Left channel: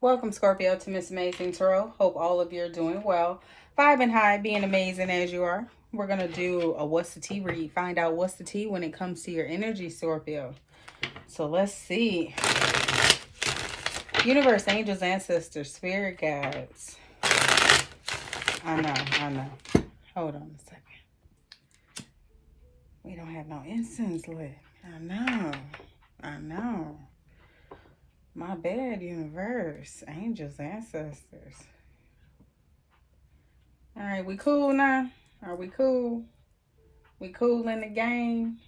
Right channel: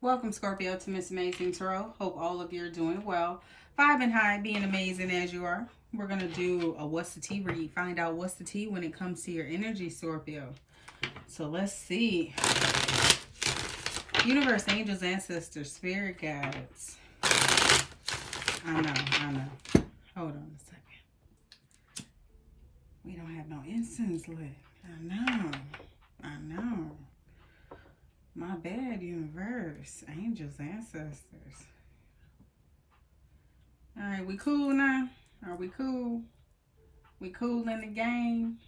Welcome, Scorpio, to Miss Amazing Tarot. Hope all of you are doing well. Vibing high, being amazing as you are. We're going to do a What's the Tea read. Find out what's the tea when it comes to your energy, Scorpio. So let's see. Universe, angels, ancestors, spirit guides. I know. Hold on a second. We don't have no incense lit. I know. My bad, universe. Angels, ancestors. All right, we cool now? Are we cool? We cool in the game?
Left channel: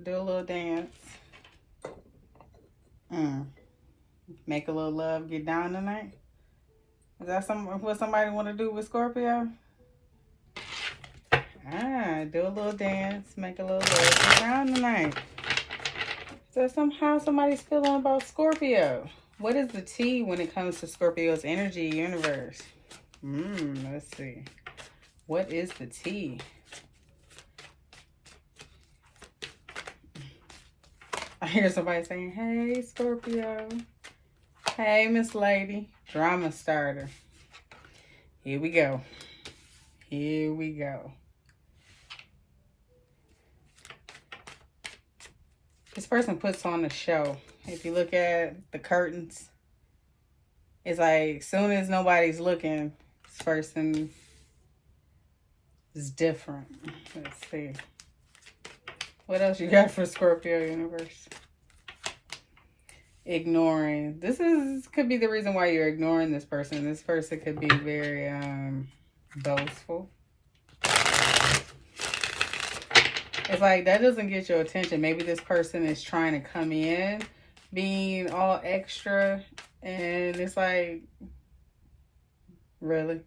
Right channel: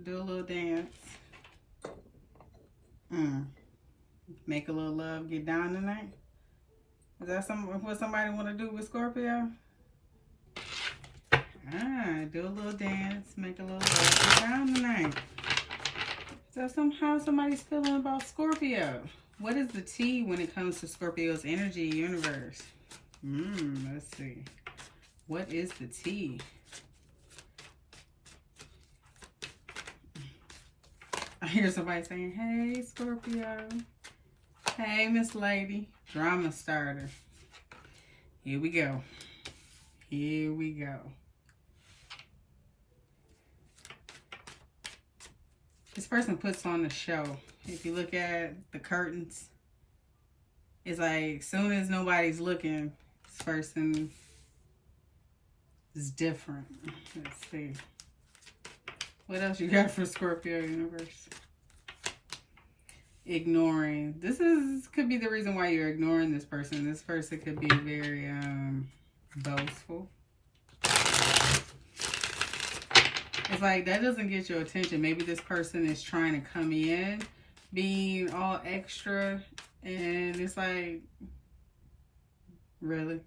Do a little dance. Make a little love, get down tonight? Is that what somebody want to do with Scorpio? Do a little dance, make a little love, get down tonight. So somehow somebody's feeling about Scorpio. What is the tea when it comes to Scorpio's energy universe? Let's see. What is the tea? I hear somebody saying, hey, Scorpio. Hey, Miss Lady. Drama starter. Here we go. Here we go. This person puts on the show. If you look at the curtains, it's like as soon as nobody's looking, this person is different. Let's see. What else you got for Scorpio universe? Ignoring. This could be the reason why you're ignoring this person. This person could be very boastful. It's like that doesn't get your attention. Maybe this person is trying to come in being all extra, and it's like, really?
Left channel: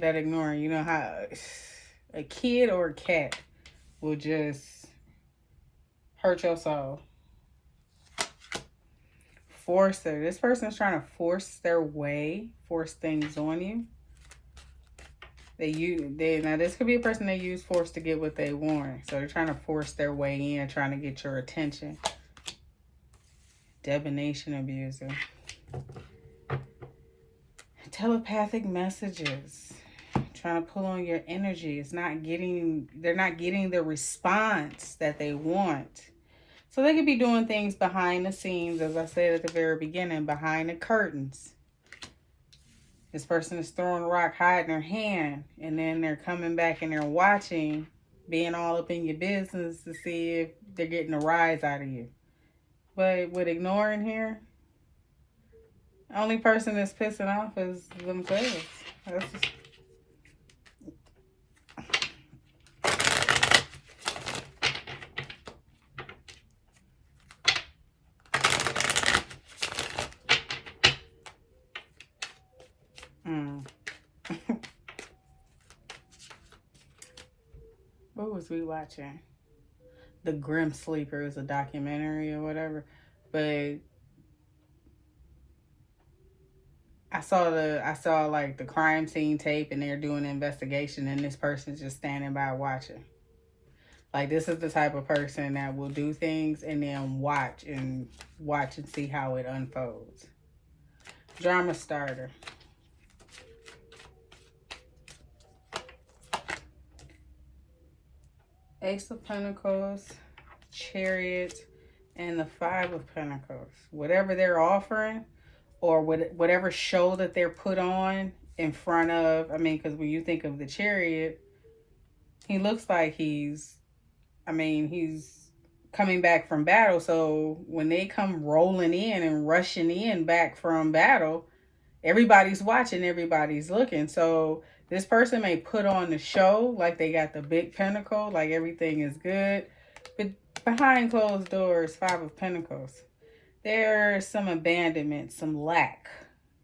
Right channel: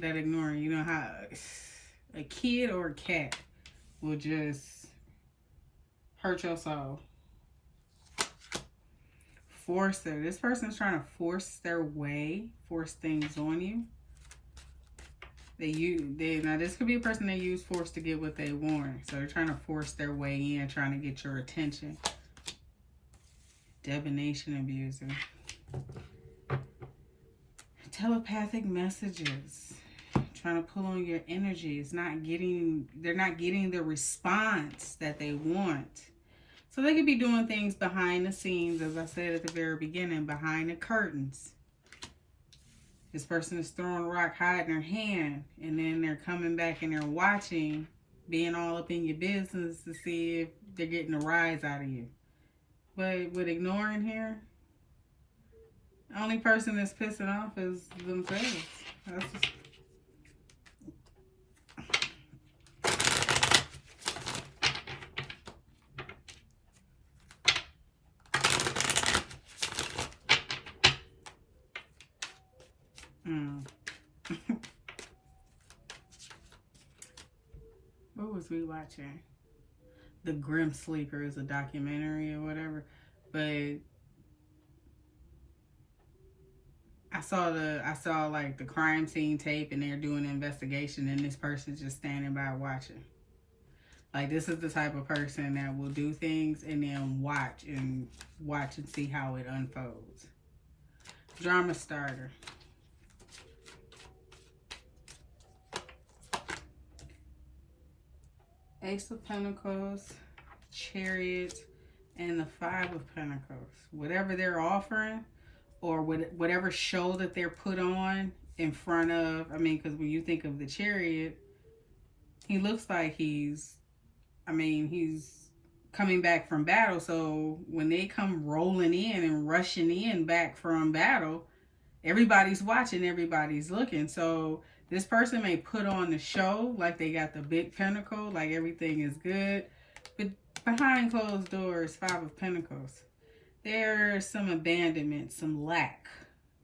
That ignoring. You know how a kid or a cat will just hurt your soul. Forcer. This person's trying to force their way, force things on you. Now this could be a person they use force to get what they want. So they're trying to force their way in, trying to get your attention. Divination abuser. Telepathic messages. Trying to pull on your energy. They're not getting the response that they want. So they could be doing things behind the scenes, as I said at the very beginning, behind the curtains. This person is throwing a rock, hiding their hand, and then they're coming back and they're watching, being all up in your business to see if they're getting a rise out of you. But with ignoring here, the only person that's pissing off is themselves. That's just... What was we watching? The Grim Sleeper is a documentary or whatever. But I saw like the crime scene tape, and they're doing an investigation, and this person's just standing by watching. Like, this is the type of person that will do things and then watch and see how it unfolds. Drama starter. Ace of Pentacles, Chariot, and the Five of Pentacles. Whatever they're offering, or whatever show that they're put on in front of, because when you think of the Chariot, he looks like he's coming back from battle. So when they come rolling in and rushing in back from battle, everybody's watching, everybody's looking. So this person may put on the show like they got the big pentacle, like everything is good. But behind closed doors, Five of Pentacles, there's some abandonment, some lack,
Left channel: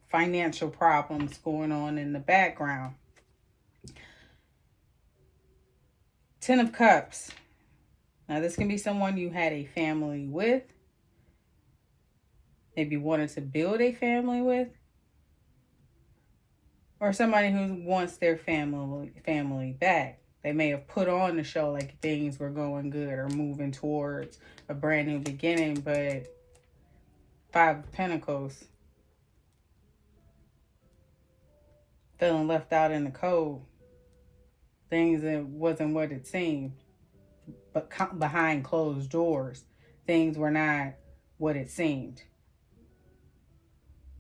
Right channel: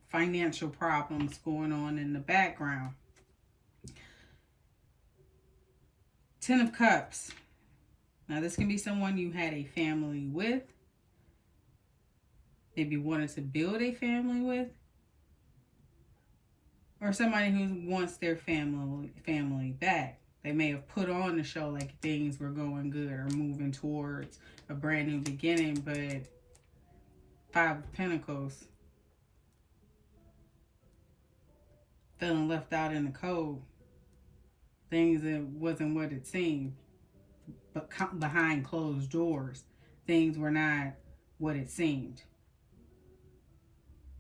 financial problems going on in the background. Ten of Cups. Now, this can be someone you had a family with, maybe wanted to build a family with, or somebody who wants their family back. They may have put on the show like things were going good or moving towards a brand new beginning, but Five of Pentacles. Feeling left out in the cold. Things that wasn't what it seemed. But behind closed doors, things were not what it seemed.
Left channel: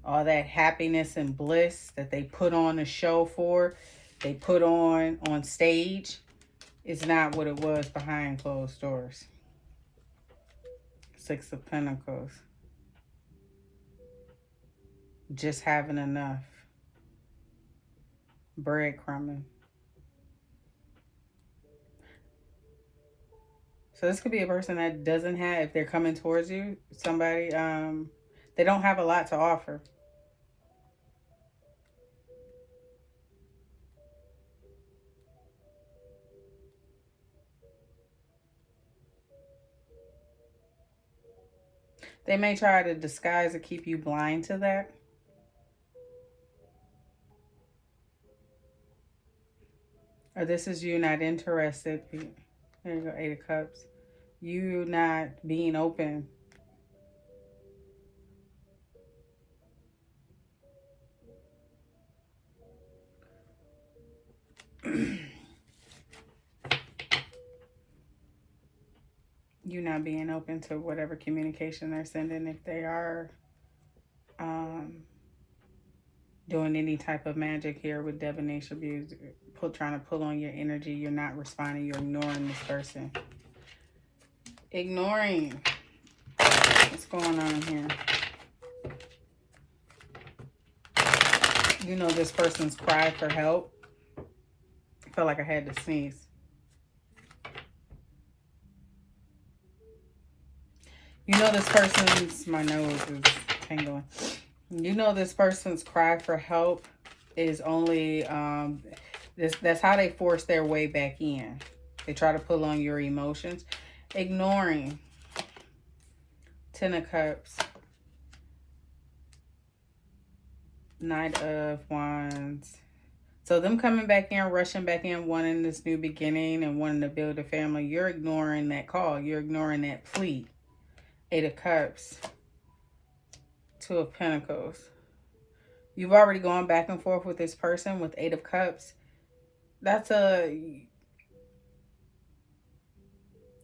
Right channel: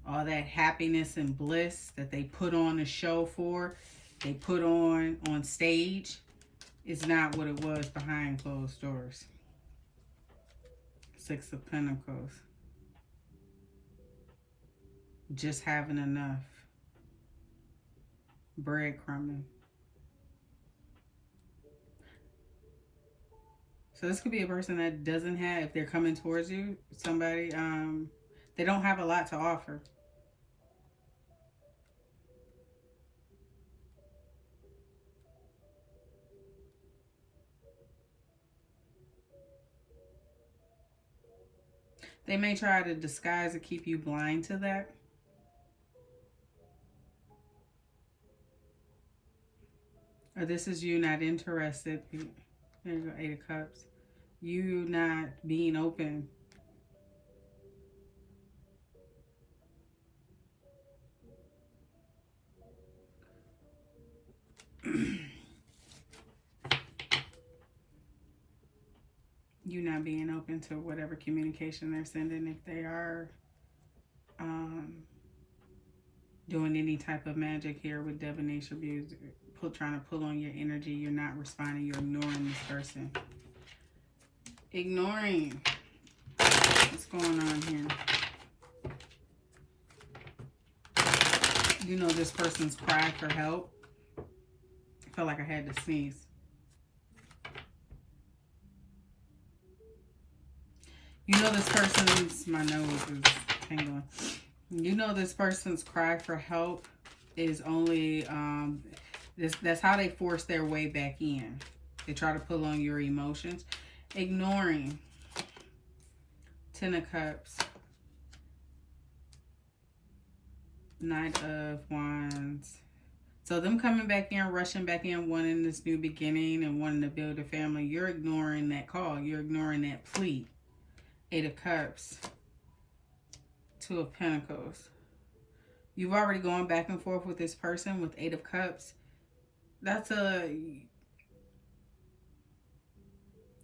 All that happiness and bliss that they put on a show for, they put on stage, is not what it was behind closed doors. Six of Pentacles. Just having enough. Breadcrumbing. So this could be a person that doesn't have, if they're coming towards you, somebody, they don't have a lot to offer. They may try to disguise or keep you blind to that. Or this is you not interested. There you go, Eight of Cups. You not being open. You not being open to whatever communication they're sending. If they are doing any type of magic here with divination abuse, trying to pull on your energy, you're not responding. You're ignoring this person. Ignoring. What's going on here? You know this person's cry for help. I felt like I had to sneeze. You know this person's, my nose is tingling. You know this person's cry for help is only, that's how they force their way back in. They try to pull on your emotions. Ignoring. Ten of Cups. Knight of Wands. So them coming back in, rushing back in, wanting this new beginning and wanting to build a family. You're ignoring that call. You're ignoring that plea. Eight of Cups. Two of Pentacles. You've already gone back and forth with this person with Eight of Cups. That's a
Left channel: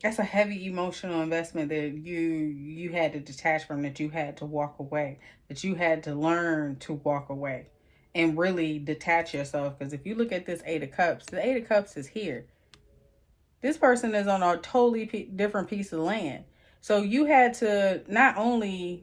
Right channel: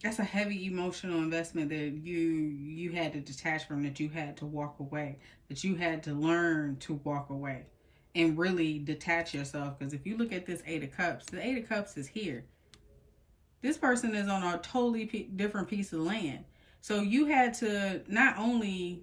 heavy emotional investment that you had to detach from, that you had to walk away, that you had to learn to walk away and really detach yourself. Because if you look at this Eight of Cups, the Eight of Cups is here. This person is on a totally different piece of land. So you had to not only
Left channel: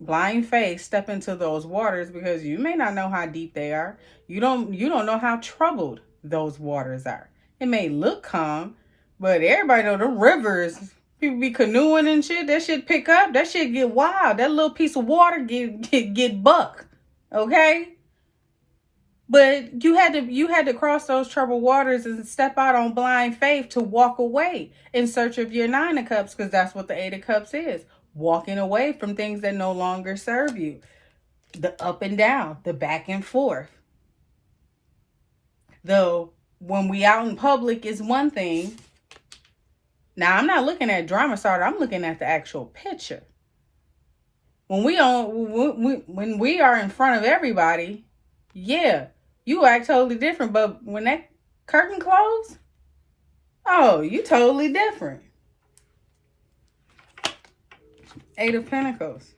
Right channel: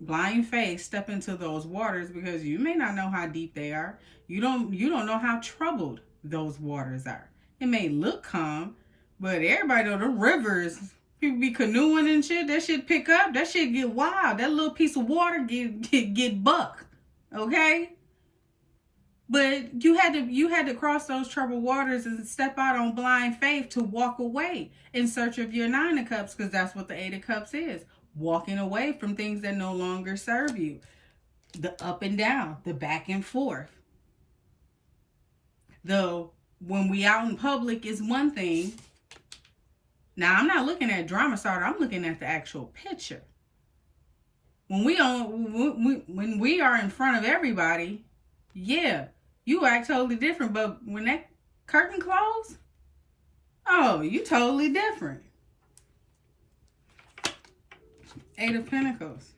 blind face step into those waters, because you may not know how deep they are. You don't know how troubled those waters are. It may look calm, but everybody know the rivers, people be canoeing and shit, that shit pick up, that shit get wild. That little piece of water get buck. Okay? But you had to cross those troubled waters and step out on blind faith to walk away in search of your Nine of Cups, because that's what the Eight of Cups is. Walking away from things that no longer serve you. The up and down, the back and forth. Though when we out in public is one thing. Now I'm not looking at drama starter, I'm looking at the actual picture. When we are in front of everybody, yeah, you act totally different. But when that curtain closed, oh, you totally different. Eight of Pentacles.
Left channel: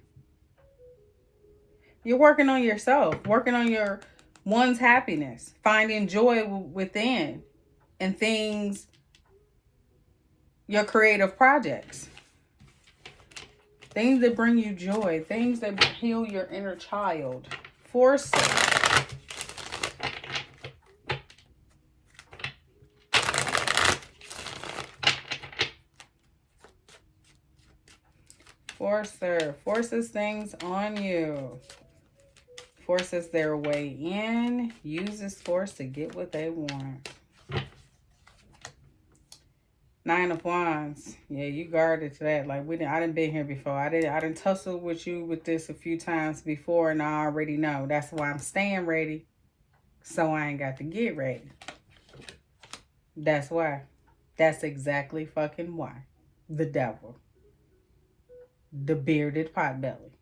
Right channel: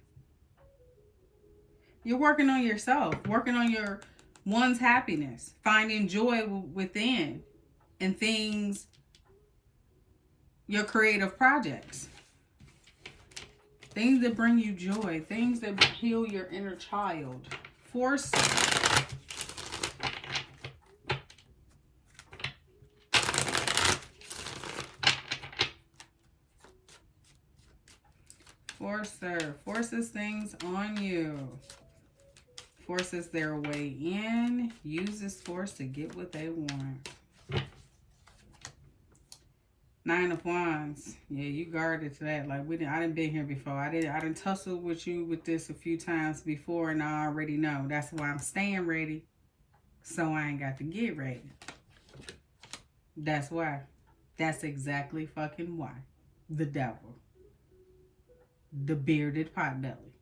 You're working on yourself, working on your one's happiness, finding joy within and things, your creative projects. Things that bring you joy, things that heal your inner child. Force. Forcer forces things on you. Forces their way in. Uses force to get what they want. Nine of Wands. Yeah, you guarded to that. Like I didn't been here before. I didn't tussle with you with this a few times before, and I already know. That's why I'm staying ready. So I ain't got to get ready. That's why. That's exactly fucking why. The devil. The bearded potbelly.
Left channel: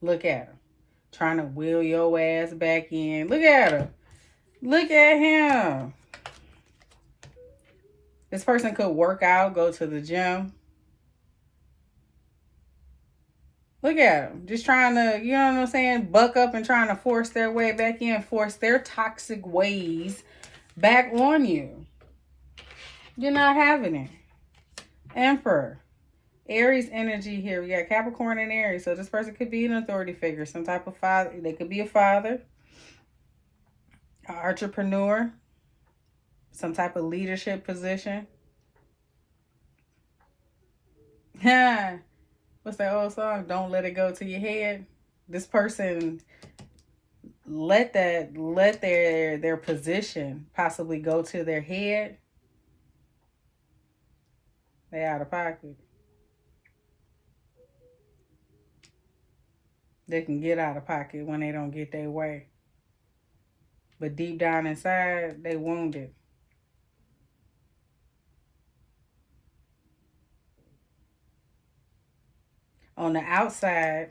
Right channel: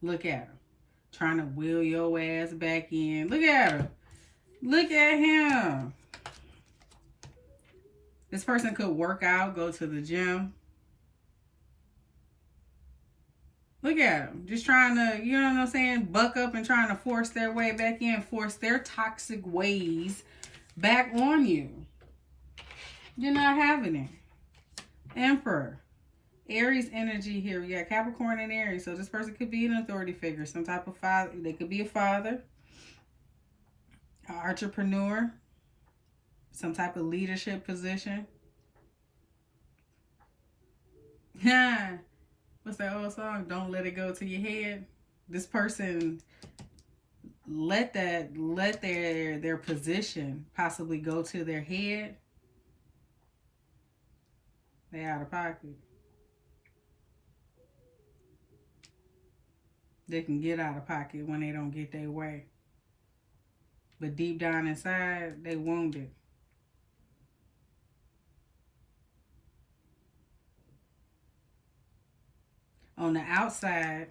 Look at him. Trying to wheel your ass back in. Look at him. Look at him. This person could work out, go to the gym. Look at them. Just trying to, you know what I'm saying, buck up and trying to force their way back in, force their toxic ways back on you. You're not having it. Emperor. Aries energy here. We got Capricorn and Aries. So this person could be an authority figure, some type of father. They could be a father, an entrepreneur, some type of leadership position. What's that old song? Don't let it go to your head. This person let their position possibly go to their head. They out of pocket. They can get out of pocket when they don't get their way. But deep down inside, they wounded. On the outside,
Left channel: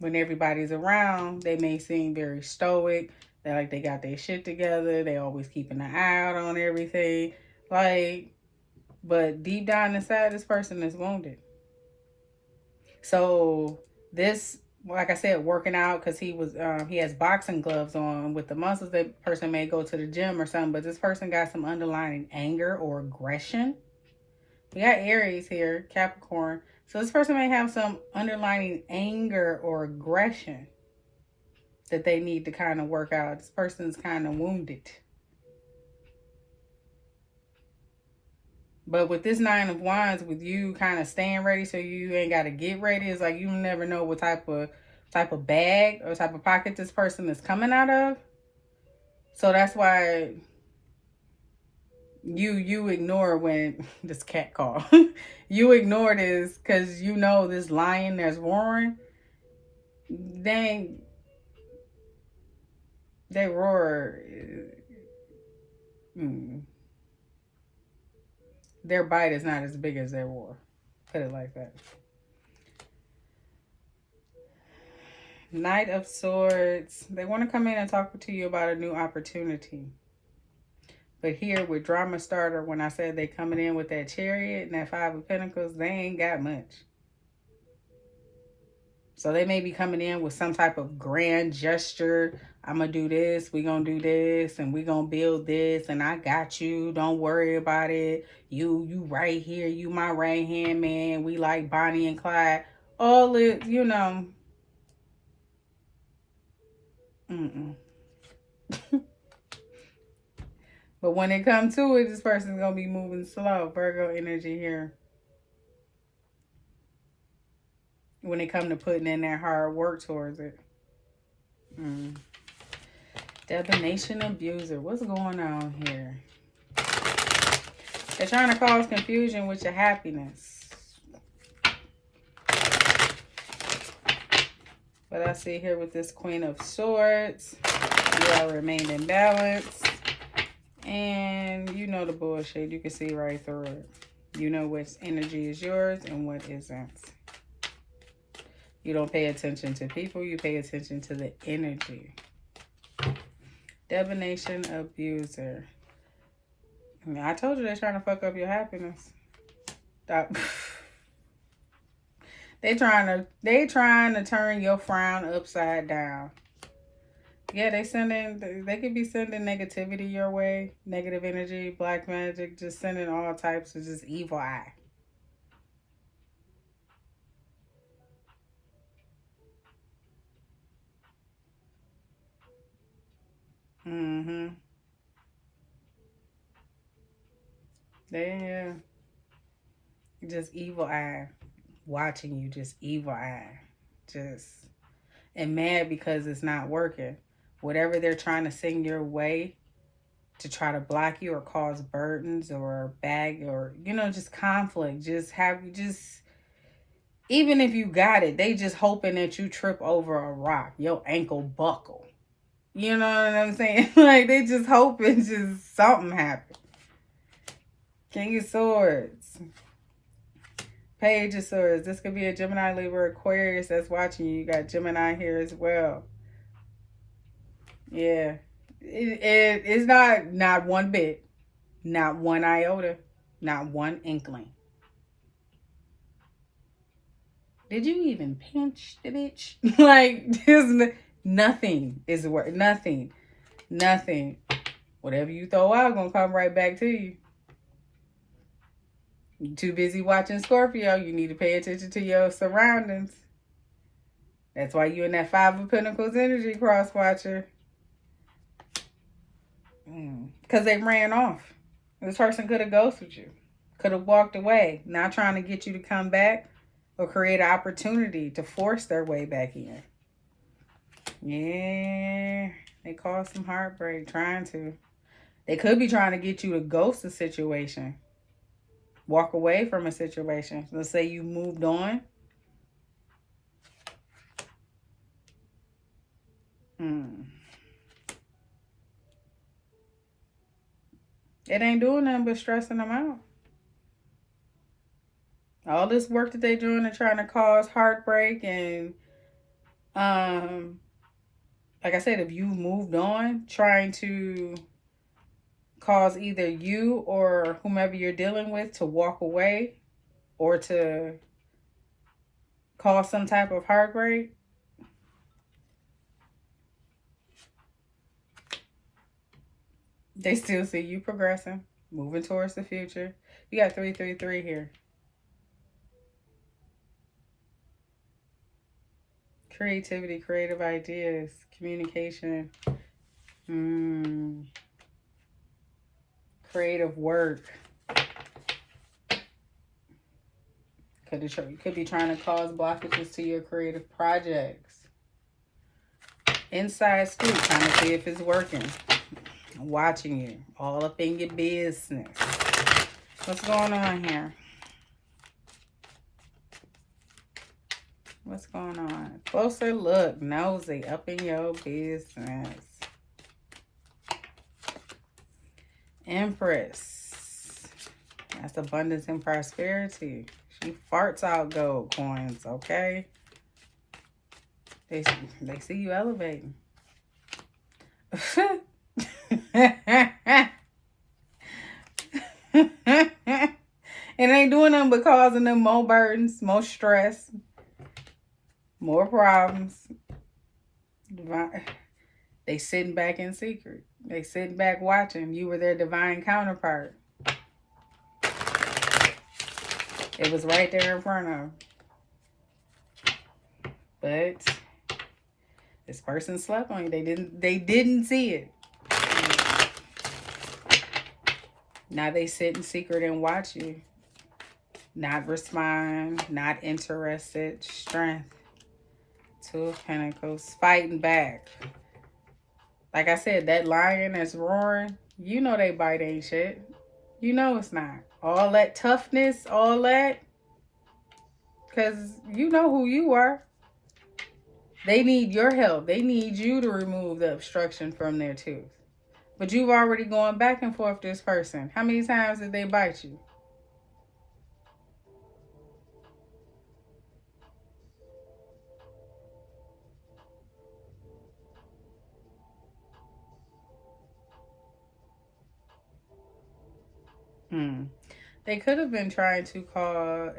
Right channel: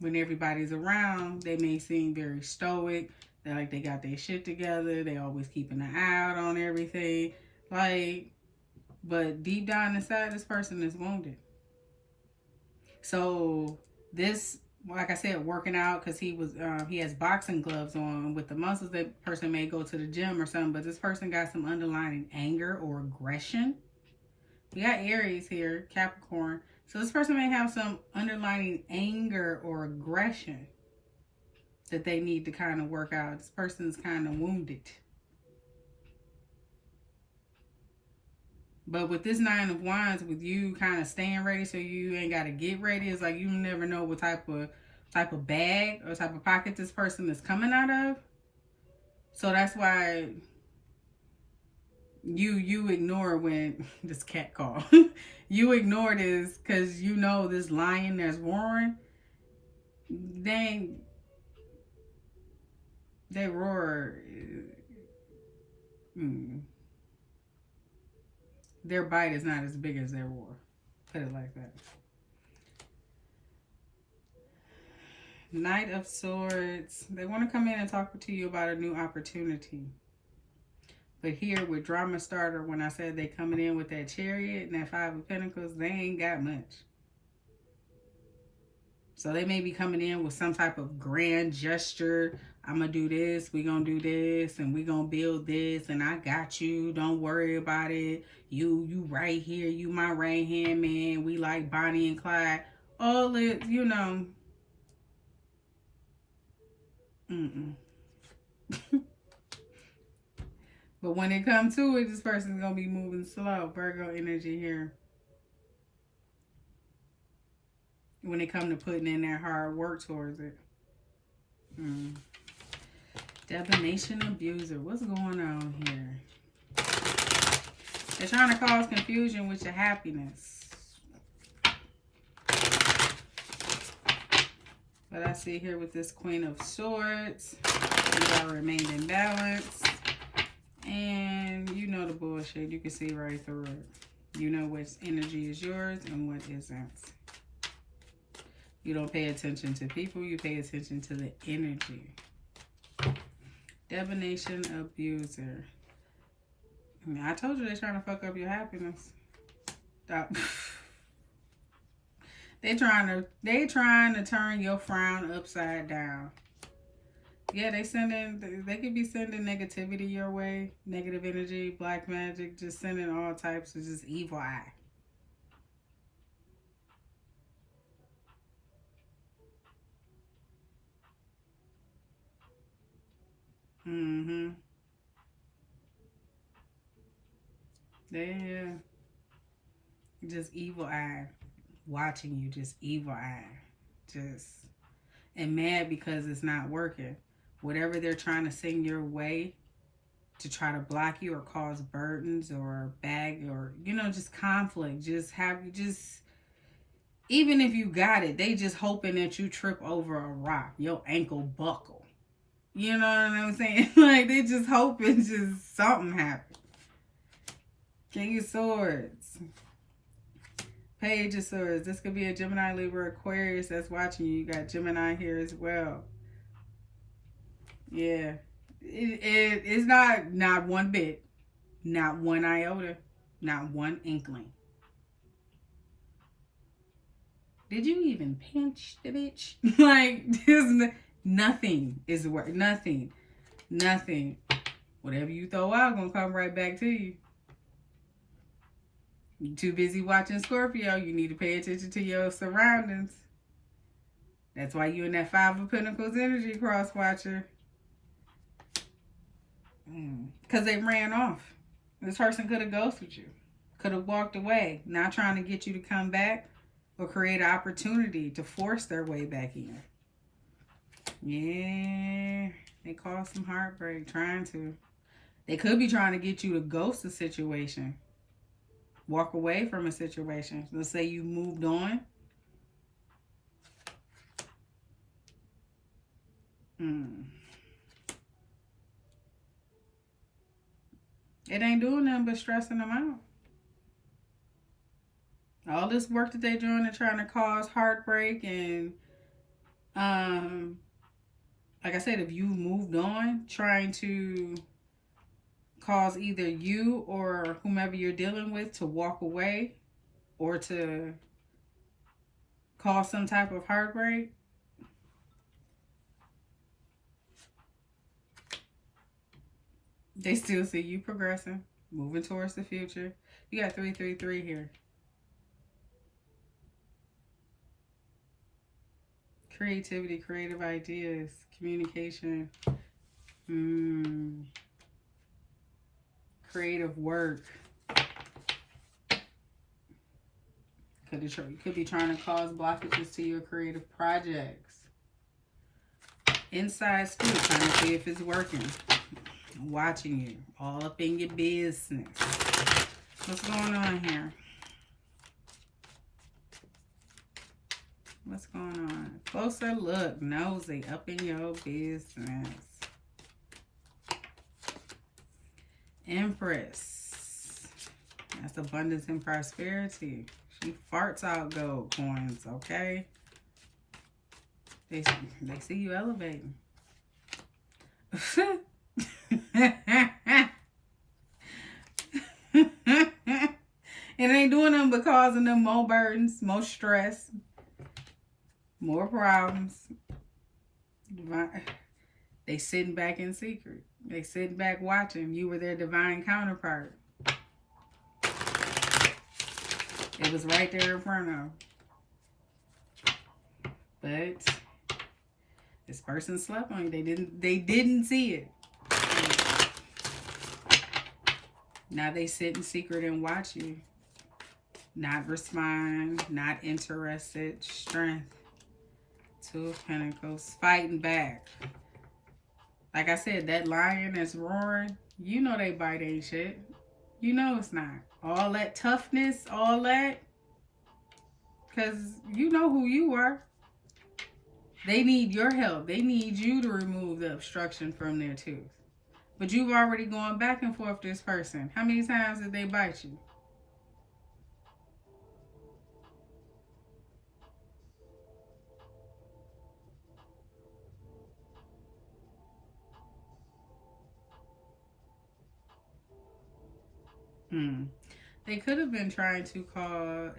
when everybody's around, they may seem very stoic. They're like they got their shit together. They always keeping an eye out on everything. But deep down inside, this person is wounded. So this, like I said, working out because he has boxing gloves on with the muscles. That person may go to the gym or something, but this person got some underlying anger or aggression. We got Aries here, Capricorn. So this person may have some underlying anger or aggression that they need to kind of work out. This person's kind of wounded. But with this Nine of Wands, with you kind of staying ready so you ain't got to get ready, it's like you never know what type of bag or type of pocket this person is coming out of. So that's why you ignore when this cat call. You ignore this because you know this lion that's roaring. They roar. Their bite is not as big as their roar. Put it like that. Knight of Swords. They want to come in and talk to you about a new opportunity. But here with Drama Starter, when I said they coming in with that Chariot and that Five of Pentacles, they ain't got much. So they may be coming in with some type of grand gesture. I'm going to do this, we going to do this, and we going to build this, and I got you. Don't worry about it. You right here. You my right hand man. We like Bonnie and Clyde. All it, you know. But when it comes to it, this person's going to be moving slow. Virgo energy here. When it comes to putting in that hard work towards it. Divination abuser. What's going on here? They're trying to cause confusion with your happiness. But I see here with this Queen of Swords, you all remained in balance. And you know the bullshit. You can see right through it. You know which energy is yours and what isn't. You don't pay attention to people. You pay attention to the energy. Divination abuser. I told you they're trying to fuck up your happiness. Stop. They trying to turn your frown upside down. Yeah, they could be sending negativity your way, negative energy, black magic, just sending all types of just evil eye. Yeah. Just evil eye. Watching you, just evil eye. Just, and mad because it's not working. Whatever they're trying to send your way to try to block you or cause burdens or bag or, you know, just conflict. Even if you got it, they just hoping that you trip over a rock. Your ankle buckle. You know what I'm saying? Like, they just hoping just something happen. King of Swords. Page of Swords. This could be a Gemini, Libra, Aquarius that's watching you. You got Gemini here as well. Yeah. It's not one bit. Not one iota. Not one inkling. Did you even pinch the bitch? Like, there's nothing is worth. Nothing. Nothing. Whatever you throw out gonna come right back to you. You're too busy watching Scorpio. You need to pay attention to your surroundings. That's why you're in that Five of Pentacles energy, cross watcher. Because they ran off. This person could have ghosted you. Could have walked away. Not trying to get you to come back or create an opportunity to force their way back in. Yeah. They caused some heartbreak trying to. They could be trying to get you to ghost a situation. Walk away from a situation. Let's say you moved on. It ain't doing nothing but stressing them out. All this work that they're doing, they're trying to cause heartbreak and, like I said, if you moved on, trying to cause either you or whomever you're dealing with to walk away or to cause some type of heartbreak. They still see you progressing, moving towards the future. You got 333 here. Creativity, creative ideas, communication, creative work. Could be trying to cause blockages to your creative projects. Inside scoop, trying to see if it's working. Watching you, all up in your business. What's going on here? What's going on? Closer look, nosy, up in your business. Empress. That's abundance and prosperity. She farts out gold coins, okay? They see you elevating. It ain't doing them but causing them more burdens, more stress, more problems. They sitting back in secret. They sitting back watching. You were their divine counterpart. It was right there in front of them. But this person slept on you. They didn't see it. Now they sit in secret and watch you. Not respond, not interested. Strength. Two of Pentacles. Fighting back. Like I said, that lion that's roaring, you know they bite ain't shit. You know it's not. All that toughness, all that. Because you know who you are. They need your help. They need you to remove the obstruction from their tooth. But you've already gone back and forth with this person. How many times did they bite you? They could have been trying to cause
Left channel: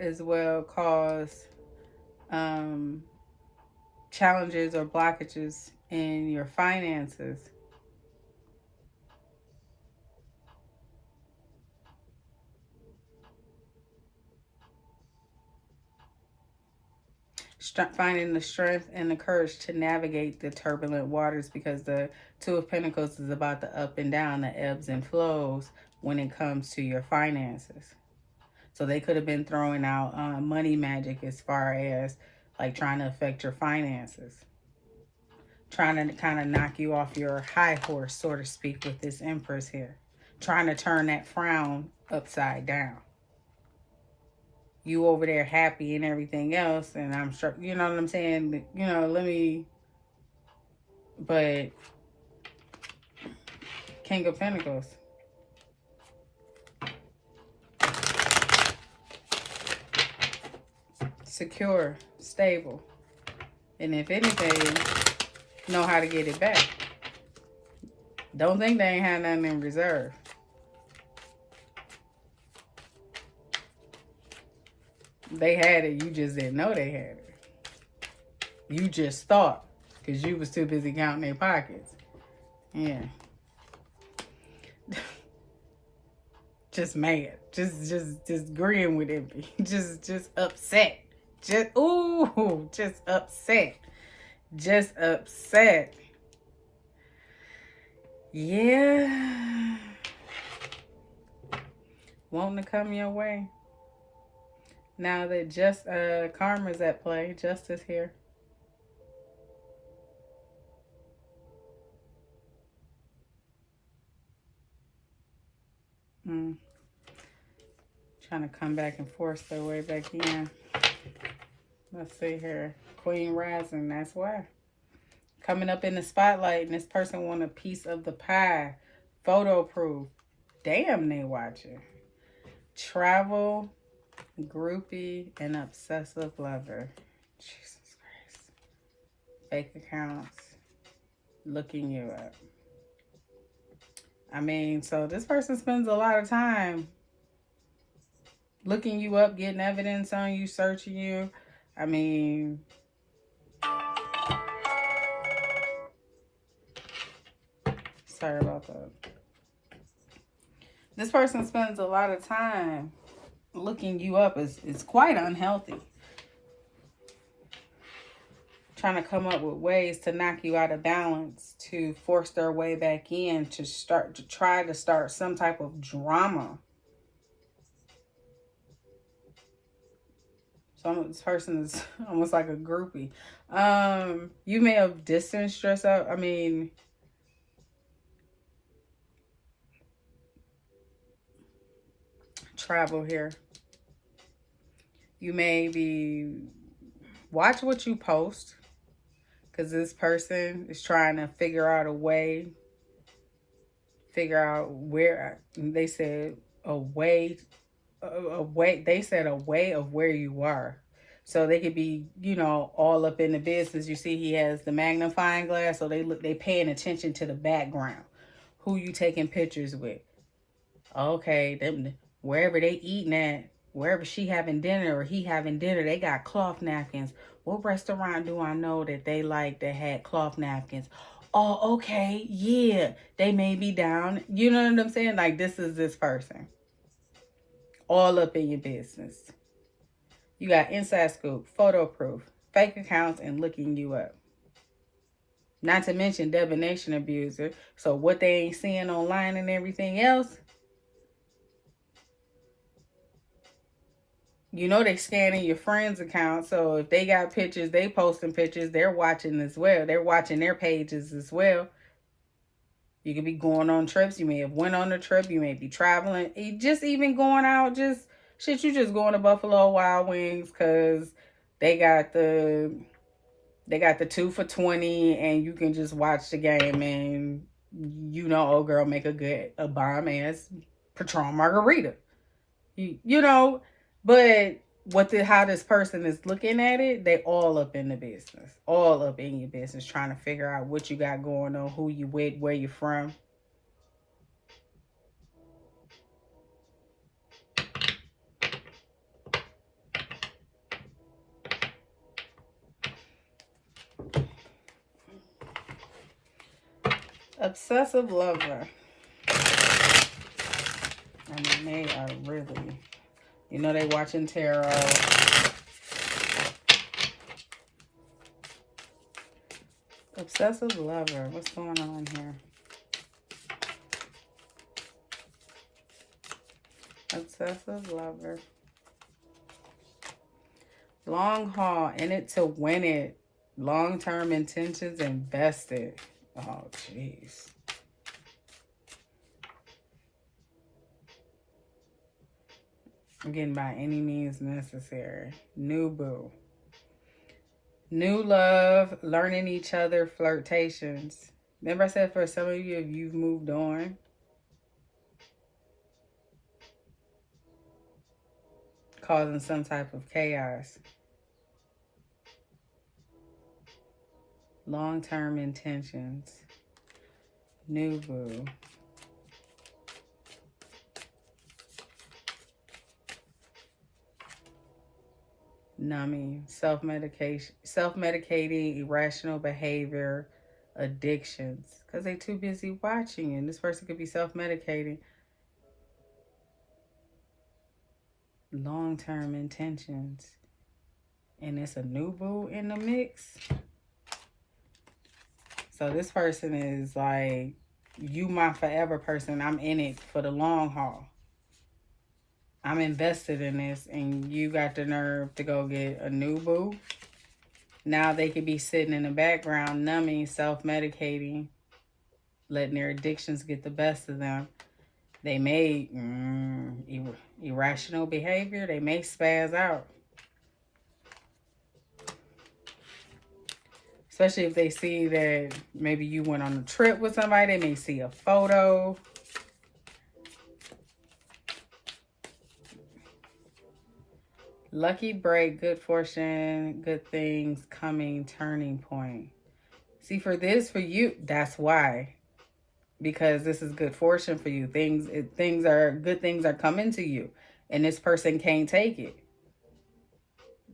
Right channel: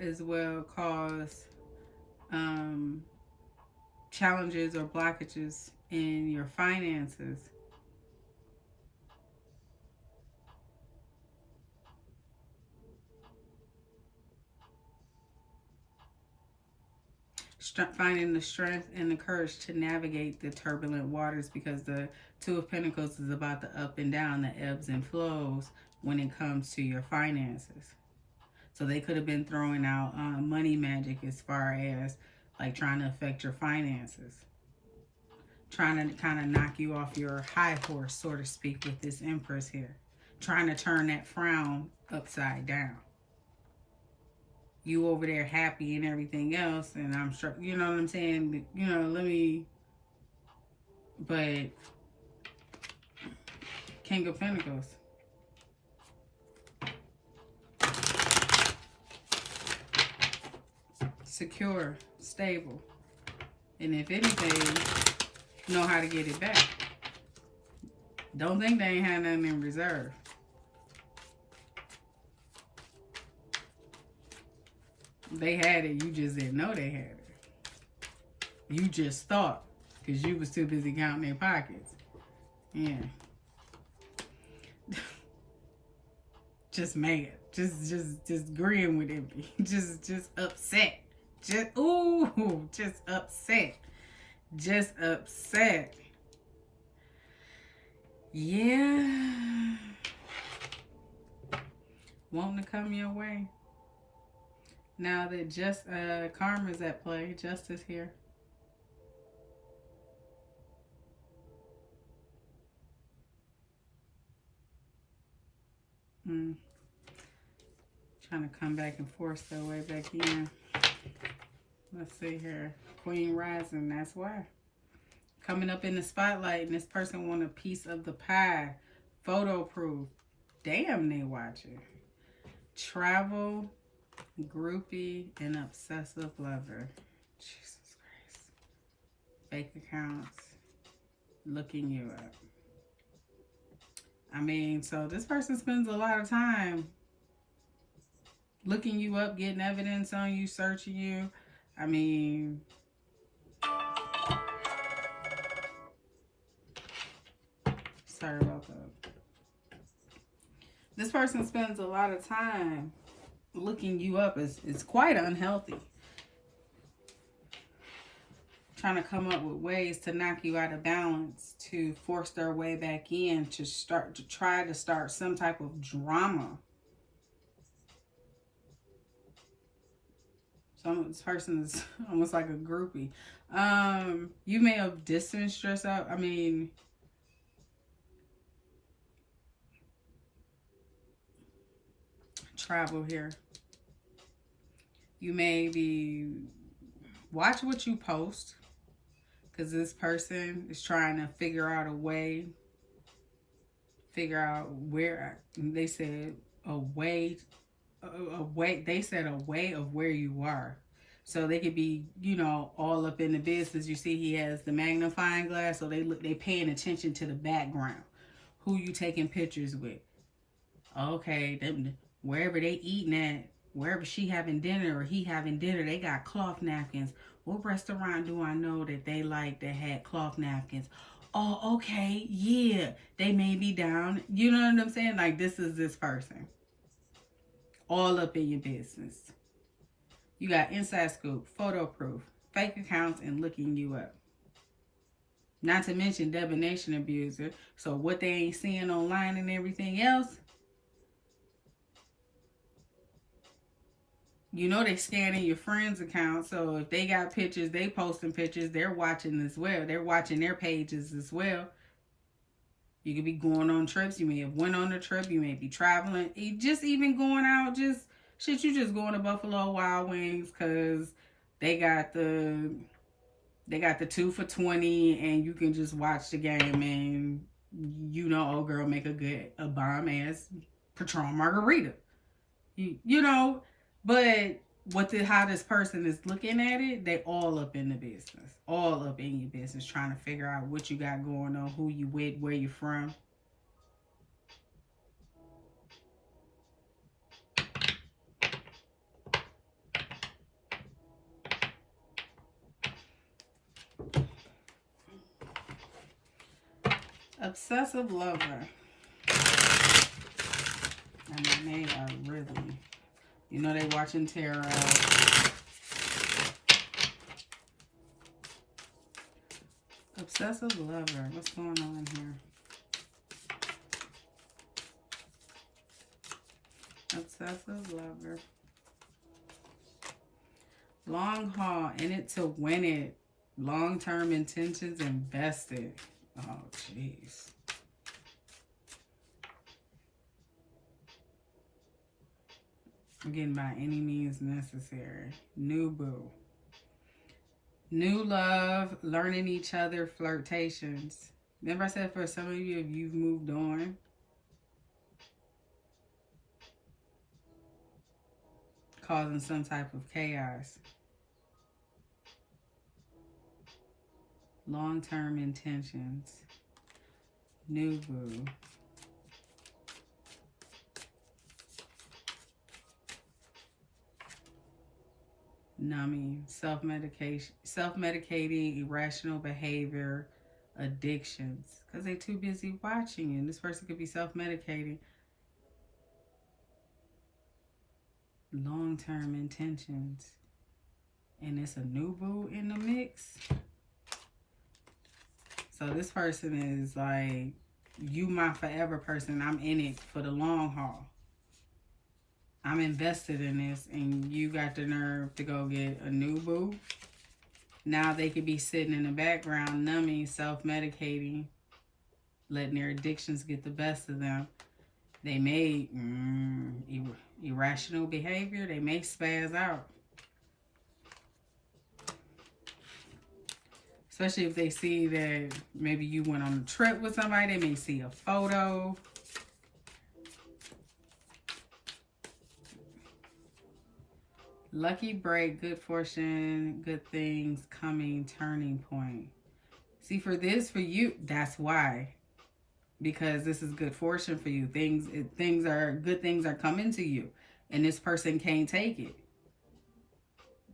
challenges or blockages in your finances. Finding the strength and the courage to navigate the turbulent waters, because the Two of Pentacles is about the up and down, the ebbs and flows when it comes to your finances. So they could have been throwing out money magic as far as like trying to affect your finances. Trying to kind of knock you off your high horse, so to speak, with this Empress here. Trying to turn that frown upside down. You over there happy and everything else, and I'm sure, you know what I'm saying? You know, but King of Pentacles. secure, stable. And if anything, know how to get it back. Don't think they ain't had nothing in reserve. They had it. You just didn't know they had it. You just thought because you was too busy counting their pockets. Yeah. Just mad. Just agreeing with it. Just upset. Just upset. Just upset. Yeah. Wanting to come your way. Now that just karma's at play, justice here. Trying to come back and force their way back in. Let's see here. Queen rising, that's why. Coming up in the spotlight, and this person want a piece of the pie. Photo proof. Damn, they watching. Travel, groupie, and obsessive lover. Jesus Christ. Fake accounts. Looking you up. I mean, so this person spends a lot of time looking you up, getting evidence on you, searching you. I mean, sorry about that. This person spends a lot of time looking you up. Is quite unhealthy. Trying to come up with ways to knock you out of balance, to force their way back in, to try to start some type of drama. So this person is almost like a groupie. You may have distanced yourself. I mean, travel here. You may be, watch what you post, because this person is trying to figure out a way, where, they said a way of where you are. So they could be, all up in the business. You see he has the magnifying glass, so they paying attention to the background. Who you taking pictures with? Okay, them wherever they eating at, wherever she having dinner or he having dinner, they got cloth napkins. What restaurant do I know that they like that had cloth napkins? Oh, okay, yeah, they may be down. You know what I'm saying? Like, this is this person. All up in your business. You got inside scoop, photo proof, fake accounts, and looking you up. Not to mention divination abuser. So what they ain't seeing online and everything else, they scanning your friends' account. So if they got pictures, they posting pictures, they're watching as well. They're watching their pages as well. You could be going on trips. You may have went on a trip. You may be traveling. Just even going out, you just going to Buffalo Wild Wings because they got the 2 for $20 and you can just watch the game and old girl make a bomb ass Patron margarita. But how this person is looking at it, they all up in the business. All up in your business, trying to figure out what you got going on, who you with, where you from. Obsessive lover. I mean, they are really, they watching tarot. Obsessive lover. What's going on here? Obsessive lover. Long haul. In it to win it. Long-term intentions invested. Oh, jeez. I'm getting by any means necessary. New boo. New love, learning each other, flirtations. Remember I said for some of you, if you've moved on, causing some type of chaos. Long-term intentions. New boo. Numbing. Self-medication. Self-medicating. Irrational behavior. Addictions. Because they're too busy watching you. And this person could be self-medicating. Long-term intentions. And it's a new boo in the mix. So this person is like, you my forever person. I'm in it for the long haul. I'm invested in this, and you got the nerve to go get a new boo. Now they could be sitting in the background, numbing, self-medicating, letting their addictions get the best of them. They may irrational behavior. They may spaz out. Especially if they see that maybe you went on a trip with somebody. They may see a photo. Lucky break, good fortune, good things coming, turning point. See, for you, that's why. Because this is good fortune for you. Good things are coming to you. And this person can't take it.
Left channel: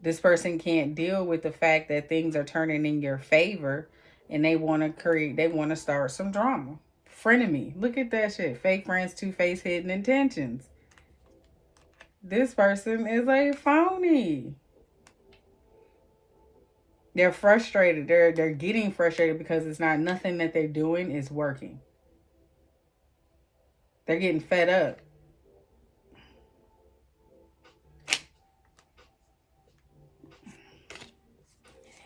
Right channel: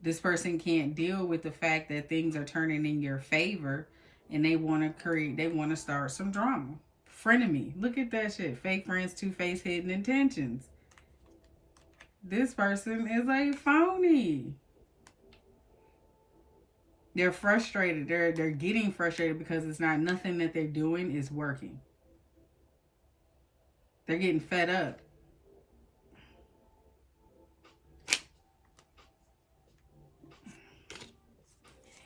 This person can't deal with the fact that things are turning in your favor, and they want to start some drama. Frenemy. Look at that shit. Fake friends, two-faced, hidden intentions. This person is a phony. They're frustrated. They're getting frustrated because it's not nothing that they're doing is working. They're getting fed up.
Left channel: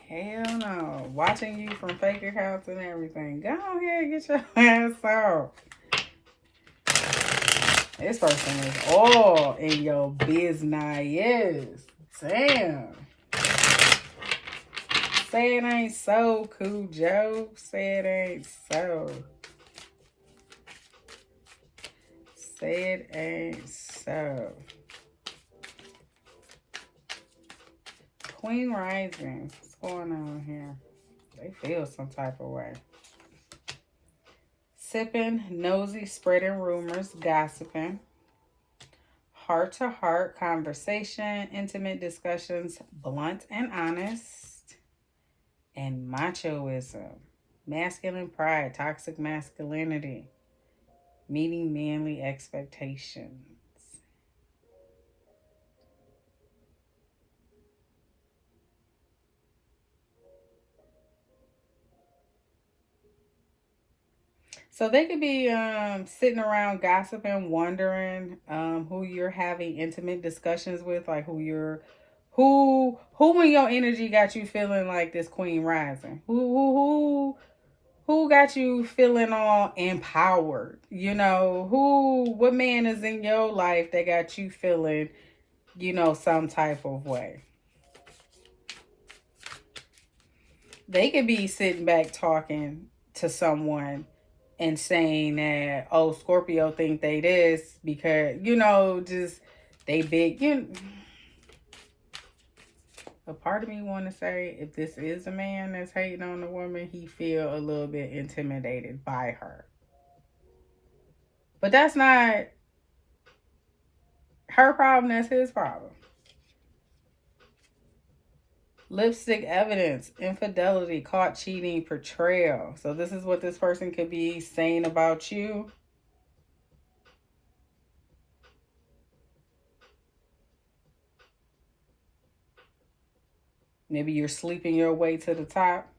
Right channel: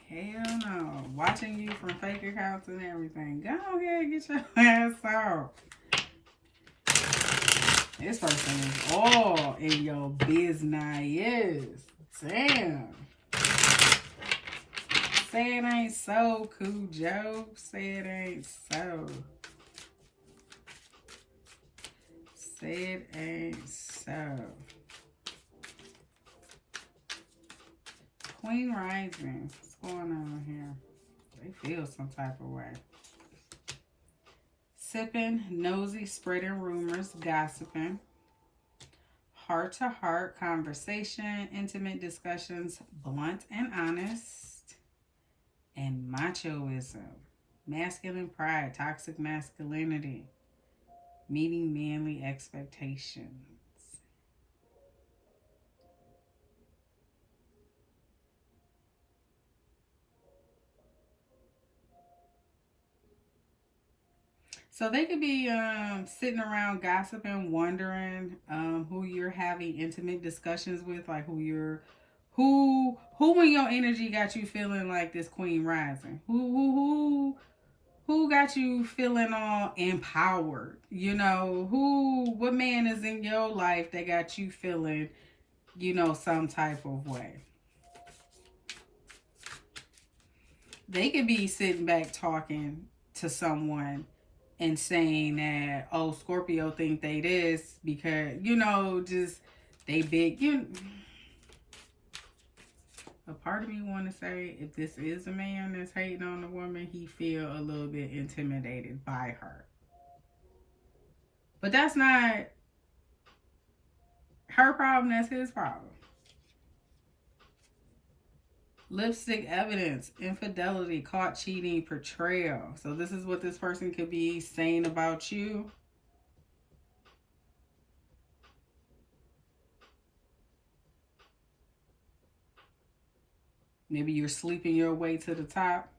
Hell no. Watching you from fake accounts and everything. Go ahead, get your ass out. This person is all in your business. Damn. Say it ain't so, Cool Joe. Say it ain't so. Say it ain't so. Queen Rising. What's going on here? They feel some type of way. Sipping, nosy, spreading rumors, gossiping. Heart-to-heart conversation, intimate discussions, blunt and honest. And machoism. Masculine pride, toxic masculinity. Meeting manly expectations. So they could be sitting around gossiping, wondering who you're having intimate discussions with, like who in your energy got you feeling like this Queen Rising? Who got you feeling all empowered? You know, what man is in your life that got you feeling, some type of way? They could be sitting back talking to someone and saying that, oh, Scorpio think they this because, just they big. A part of me want to say, if this is a man that's hating on the woman, he feel a little bit intimidated by her. But that's not her problem, that's his problem. Lipstick evidence, infidelity, caught cheating, betrayal. So this is what this person could be saying about you. Maybe you're sleeping your way to the top.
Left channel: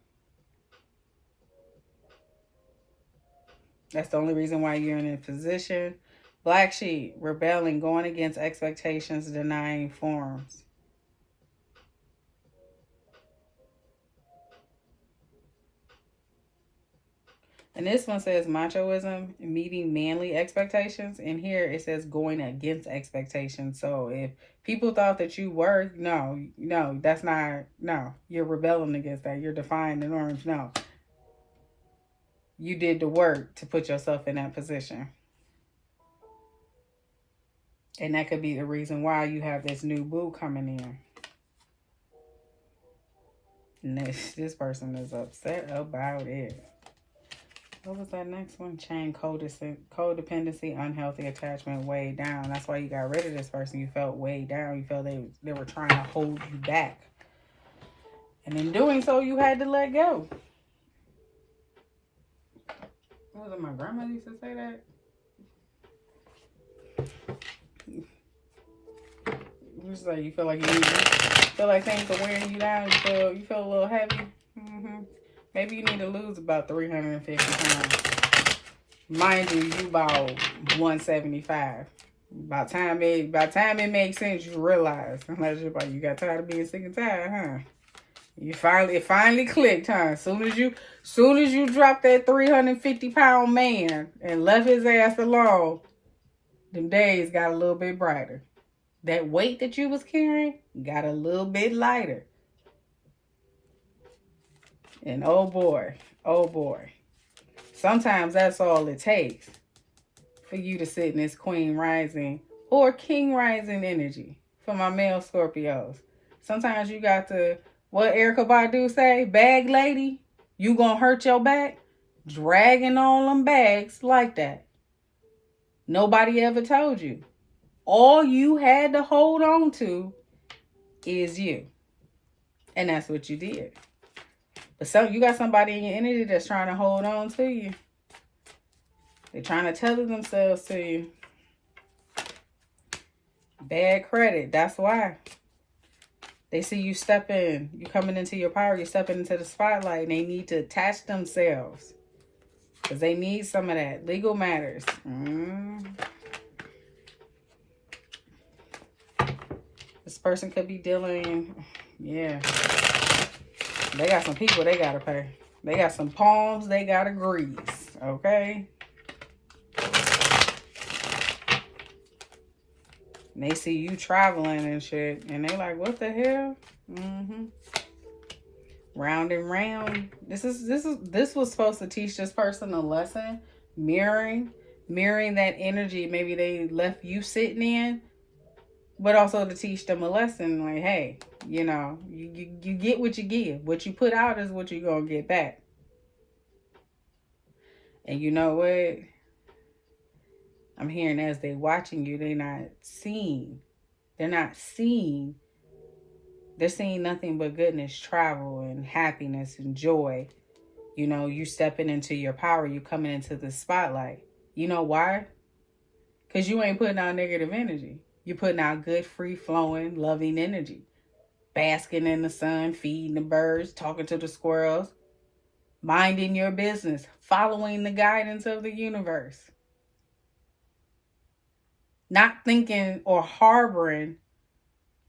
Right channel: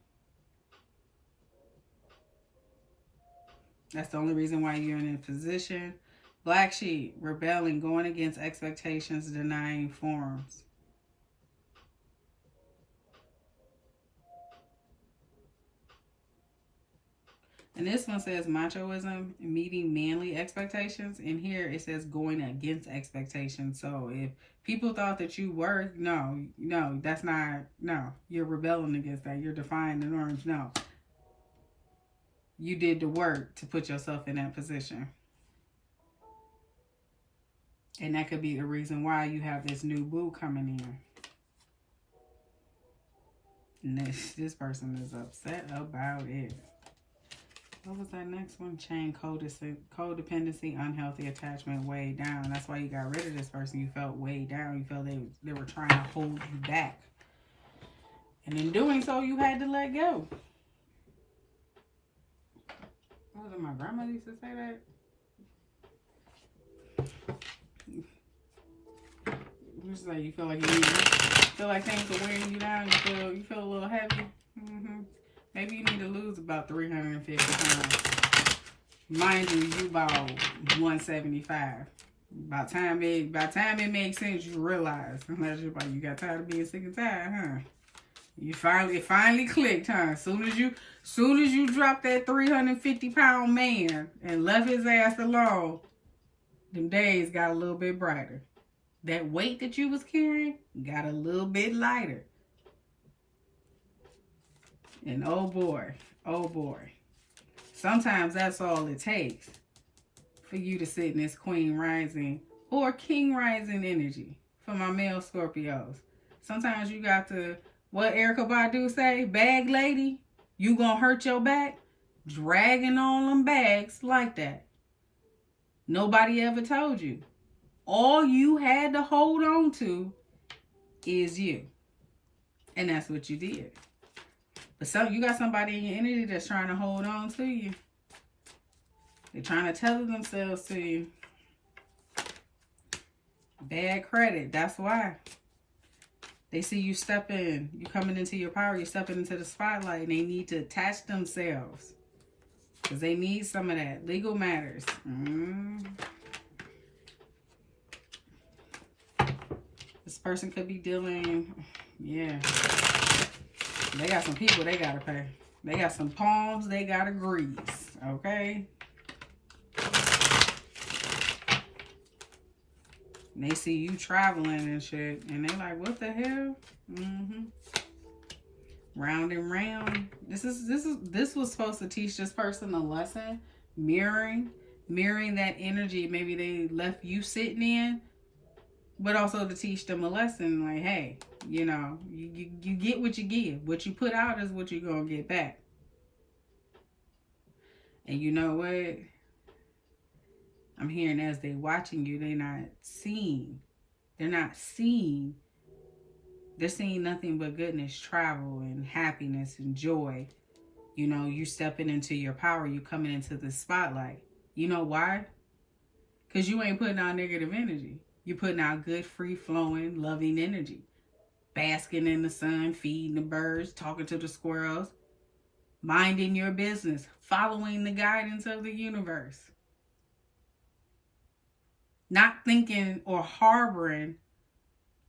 That's the only reason why you're in a position. Black sheep, rebelling, going against expectations, denying forms. And this one says machoism, meeting manly expectations. And here it says going against expectations. So if people thought that you were, no, that's not, no. You're rebelling against that. You're defying the norms. No. You did the work to put yourself in that position. And that could be the reason why you have this new boo coming in. This person is upset about it. What was that next one? Chain, codependency, unhealthy attachment, weighed down. That's why you got rid of this person. You felt weighed down. You felt they were trying to hold you back. And in doing so, you had to let go. What was it? My grandma used to say that. You just like, you feel like things are wearing you down. You feel a little heavy. Maybe you need to lose about 350 pounds. Mind you, you about 175. By the time it makes sense, you realize. You got tired of being sick and tired, huh? It finally clicked, huh? Soon as you dropped that 350-pound man and left his ass alone, them days got a little bit brighter. That weight that you was carrying got a little bit lighter. And oh boy, sometimes that's all it takes for you to sit in this Queen Rising or King Rising energy for my male Scorpios. Sometimes you got to, what Erykah Badu say, bag lady, you gonna hurt your back? Dragging on them bags like that. Nobody ever told you. All you had to hold on to is you. And that's what you did. But you got somebody in your energy that's trying to hold on to you. They're trying to tether themselves to you. Bad credit. That's why. They see you you coming into your power, you stepping into the spotlight, and they need to attach themselves. Because they need some of that. Legal matters. This person could be dealing, yeah. They got some people they gotta pay. They got some palms they gotta grease, okay? And they see you traveling and shit, and they like, what the hell? Round and round. This was supposed to teach this person a lesson. Mirroring that energy maybe they left you sitting in, but also to teach them a lesson. Like, hey, you know, you get what you give. What you put out is what you're gonna get back. And you know what? I'm hearing as they watching you, they're not seeing. They're seeing nothing but goodness, travel, and happiness and joy. You know, you stepping into your power. You coming into the spotlight. You know why? Because you ain't putting out negative energy. You're putting out good, free-flowing, loving energy. Basking in the sun, feeding the birds, talking to the squirrels. Minding your business. Following the guidance of the universe. Not thinking or harboring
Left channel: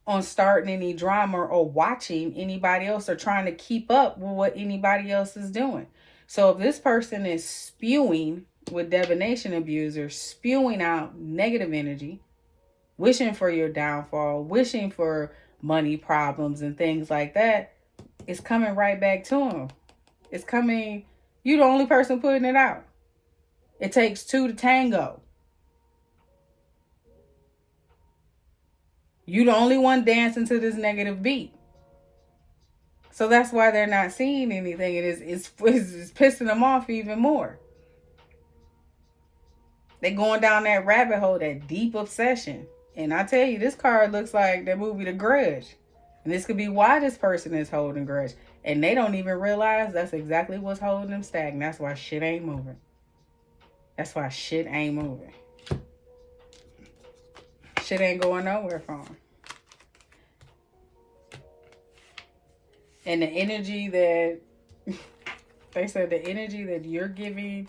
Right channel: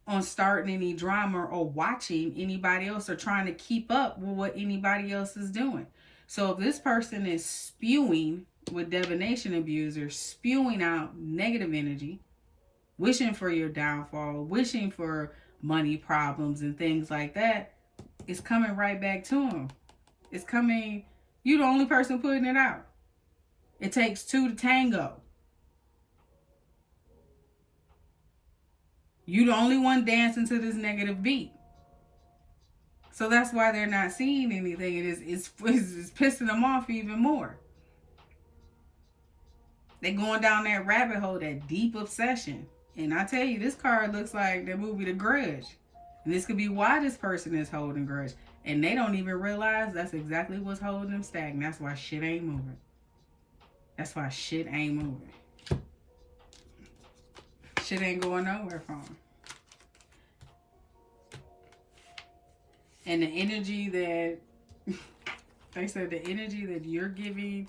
on starting any drama or watching anybody else or trying to keep up with what anybody else is doing. So if this person is spewing with divination abusers, spewing out negative energy, wishing for your downfall, wishing for money problems and things like that, it's coming right back to them. It's coming, you're the only person putting it out. It takes two to tango. You the only one dancing to this negative beat. So that's why they're not seeing anything. It's pissing them off even more. They're going down that rabbit hole, that deep obsession. And I tell you, this card looks like that movie The Grudge. And this could be why this person is holding grudge. And they don't even realize that's exactly what's holding them stagnant. That's why shit ain't moving. That's why shit ain't moving. Shit ain't going nowhere for them. And the energy that, they said the energy that you're giving,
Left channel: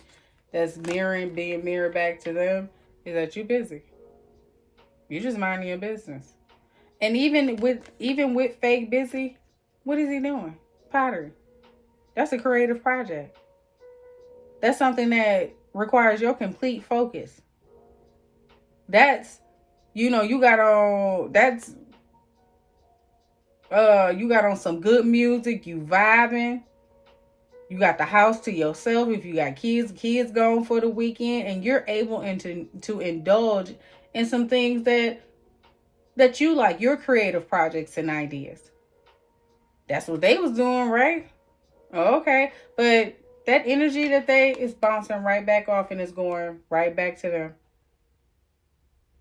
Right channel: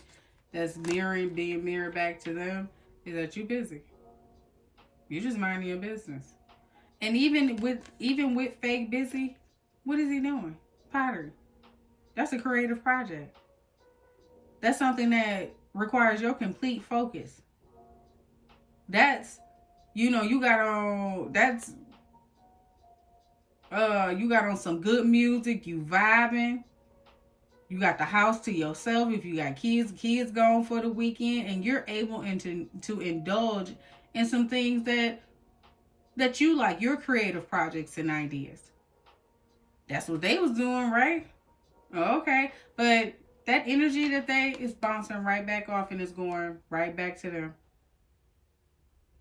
that's being mirrored back to them, is that you're busy. You're just minding your business. And even with fake busy, what is he doing? Pottery. That's a creative project. That's something that requires your complete focus. That's, you know, you got on some good music, you vibing. You got the house to yourself. If you got kids gone for the weekend, and you're able to indulge in some things that you like, your creative projects and ideas. That's what they was doing, right? Okay. But that energy that they is bouncing right back off and is going right back to them.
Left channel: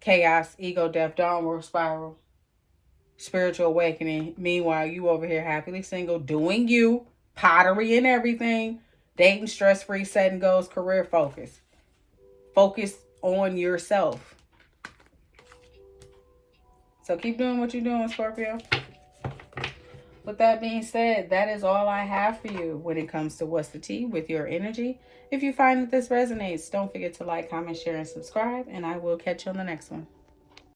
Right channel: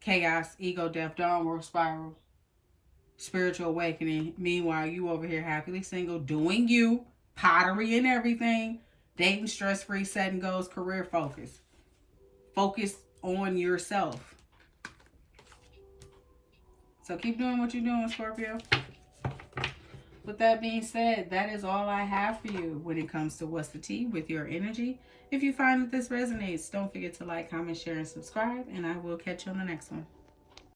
Chaos, ego, death, downward spiral, spiritual awakening. Meanwhile, you over here happily single, doing you, pottery and everything, dating, stress-free, setting goals, career focus. Focus on yourself. So keep doing what you're doing, Scorpio. With that being said, that is all I have for you when it comes to What's the Tea with your energy. If you find that this resonates, don't forget to like, comment, share, and subscribe, and I will catch you on the next one.